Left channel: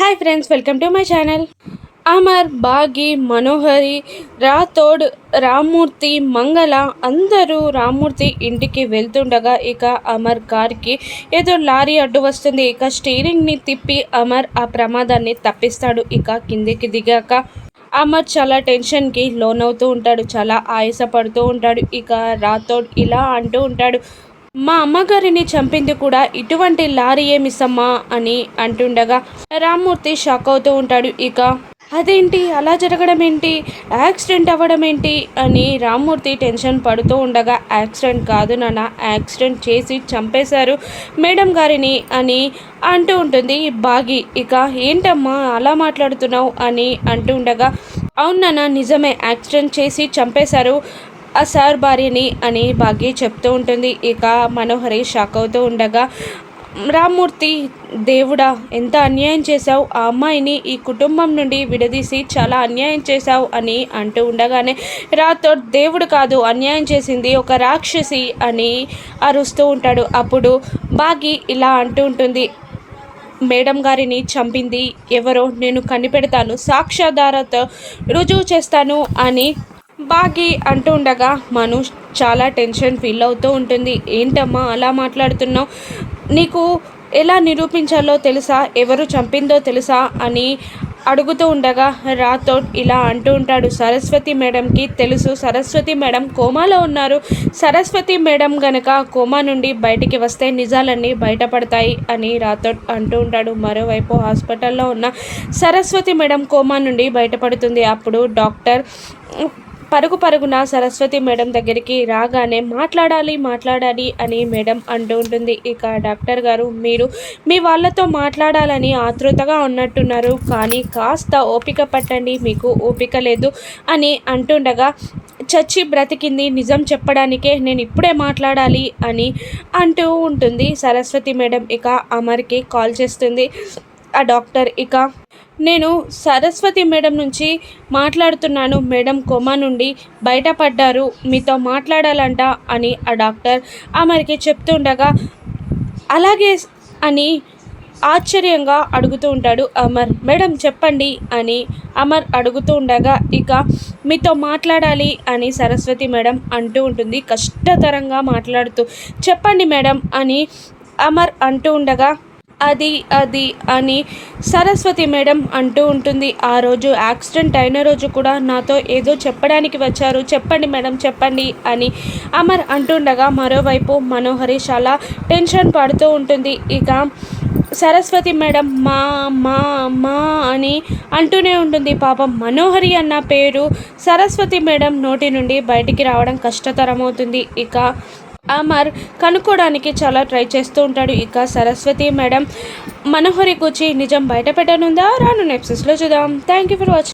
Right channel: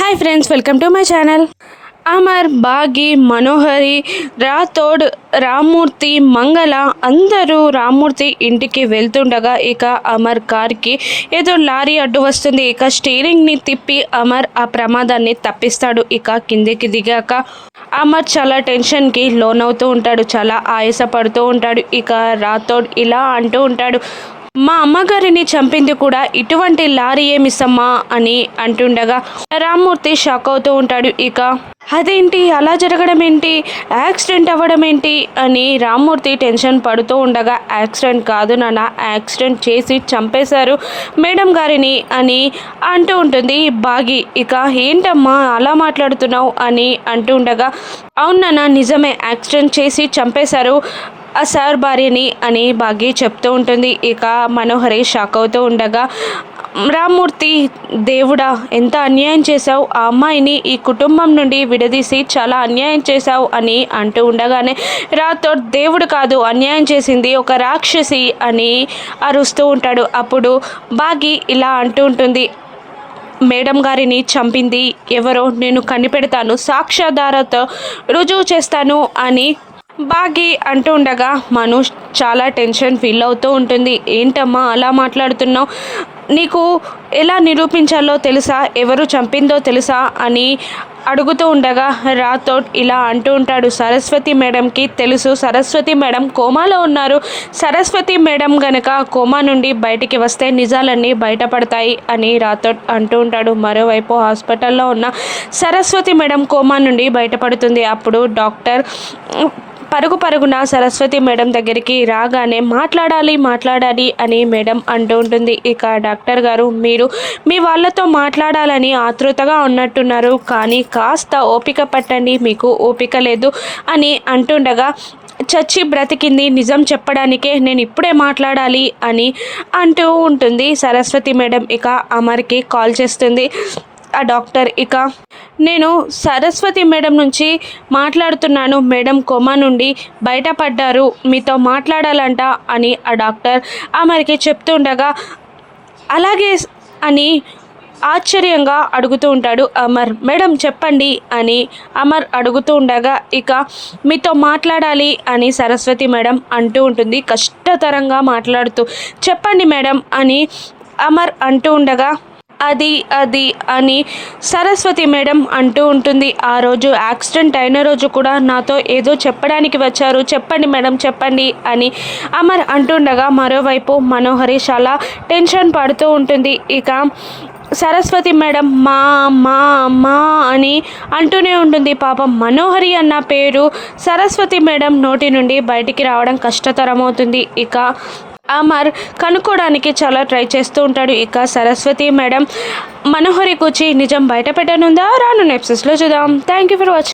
Hi friends, welcome to my channel. Amar, Bagi, Manohari, Rathod, Rammurthy, Mangala అందరూ రామ్మూర్తి ఇంటికి వెళ్తుండగా ఇక అమర్ కార్కి ఏదో లారీ అడ్డు వస్తుంది. ఇక స్టీరింగ్ని తిప్పి అమర్ ఆ ప్రమాదాన్ని తప్పిస్తాడు. ఇక కిందికి దిగాక అమర్ చాలా టెన్షన్కి లోనవుతూ ఉంటాడు, చాలా ఆయాసపడుతూ ఉంటాడు. ఇక రాథోడ్ ఇలా అంటూ ఉంటాడు, మా అమ్మగారిని చంపింది కూడా ఇటువంటి లారీ ఏమిసమ్మా అని అంటుండగా రామ్మూర్తి షాక్ అవుతూ ఉంటాడు. ఇక అదేంటి, అలా జరగడం ఏంటి, యాక్సిడెంట్ అవ్వడం ఏంటి అని రామ్మూర్తి టెన్షన్ పడుతూ ఉండగా, యాక్సిడెంట్ కాదు నాన్న, యాక్సిడెంట్ చేసి చంపేశారు మేడం గారిని అని అంటూ ఉంటుంది బాగి. ఇక ఏంటమ్మా అలా మాట్లాడుతున్నావు అని అంటూ ఉండగా, అవును నాన్న, నిజమే, యాక్సిడెంట్ చేసి చంపేశారు ఆ సార్ భార్యని అని బాగి చెప్తూ ఉంటుంది. ఇక మనోహరి షాక్ అవుతూ ఉండగా, రామ్మూర్తి, దేవుడా ఎంత అన్యాయం చేశావు, ఆ అమ్మాయిని ఈ కుటుంబం నుండి విడదీసి చాలా అన్యాయం చేశావు అని అంటూ ఉండగానే రాథోడ్, దేవుడు కాదు అన్యాయం చేసింది ఒక రాక్షసి అని అరుస్తూ ఉంటాడు. అప్పుడు బాగి ఇలా అంటూ ఉంటుంది, మేడం గారిని చంపింది ఎవరో నేను కనిపెడతాను, సాక్ష్యాధారతో రుజువు చేస్తాను అని బాగి అంటూ ఉండగా మనోజ్ చాలా టెన్షన్ ఫీల్ అవుతూ ఉంటుంది. ఏంటమ్మా అలా మాట్లాడుతున్నావు, నీకు ఎలా నిరూపించాలో తెలుసా, ఎవరు చంపిందో తెలుసా అని అడుగుతూ ఉండగా రాథోడ్ ఇలా అంటూ ఉంటాడు, సరస్వతి మేడంకి తెలుసు, సరస్వతి మేడం కోమాలో ఉన్నారు, సరస్వతి మేడం గనక కోమా నుండి బయటికి వస్తే నిజాలన్నీ బయటపడతాయి అని రాథోడ్ అంటూ ఉంటాడు. మరోవైపు హాస్పిటల్లో ఉన్న సరస్వతి మేడం కోమా నుండి బయటపడుతుంది. అప్పుడు డాక్టర్ పరుగున సరస్వతి మేడం దగ్గరికి రాగానే మాట్లాడాలి అని మేడం అంటూ ఉంటుంది. ఇక డాక్టర్ గారు, మీరు మీ వాళ్ళతో మాట్లాడాలని ఆతృతగా ఉన్నట్టున్నారు, కానీ కాస్త ఓపిక పట్టండి, మీకు ఓపిక లేదు అని అంటుండగా, చచ్చి బ్రతికింది నిజం చెప్పడానికే నేను ఇప్పుడే మాట్లాడాలి అని అంటూ ఉంటుంది సరస్వతి మేడం. ఇక అమర్కి కాల్ చేస్తుంది ఆ డాక్టర్. ఇక నేను సరస్వతి మేడం నుంచి మాట్లాడుతున్నాను, మేడం కోమా నుండి బయటపడ్డారు, మీతో మాట్లాడాలంట అని ఆ డాక్టర్ అమర్కి చెప్తుండగా, అలాగే అని ఆశ్చర్యంగా అడుగుతూ ఉంటాడు అమర్. మేడం చెప్పండి అని అమర్ అడుగుతూ ఉండగా, ఇక మీతో మాట్లాడాలి అని సరస్వతి మేడం అంటూ ఉంటుంది కష్టతరంగా మాట్లాడుతూ. చెప్పండి మేడం అని అమర్ అంటూ ఉండగా, అది అని సరస్వతి మేడం అంటూ ఉంటుంది, ఆ రోజు యాక్సిడెంట్ అయిన రోజు కూడా నాతో ఏదో చెప్పడానికి వచ్చారు, చెప్పండి మేడం చెప్పండి అని అమర్ అంటుండగా, మరోవైపు మనోహరి చాలా టెన్షన్ పడుతూ ఉంటుంది. ఇక సరస్వతి మేడం మా మా మా అని అంటూనే ఉంటుంది. పాపం మనోహరి అన్న పేరు సరస్వతి మేడం నోటి నుండి బయటికి రావడం కష్టతరమవుతుంది. ఇక అమర్ కనుక్కోవడానికి చాలా ట్రై చేస్తూ ఉంటాడు. ఇక సరస్వతి మేడం మనోహరి కూర్చి నిజం బయట పెట్టనుందా, రాను ఎపిసోడ్స్లో చూద్దాం. Thank you for watching.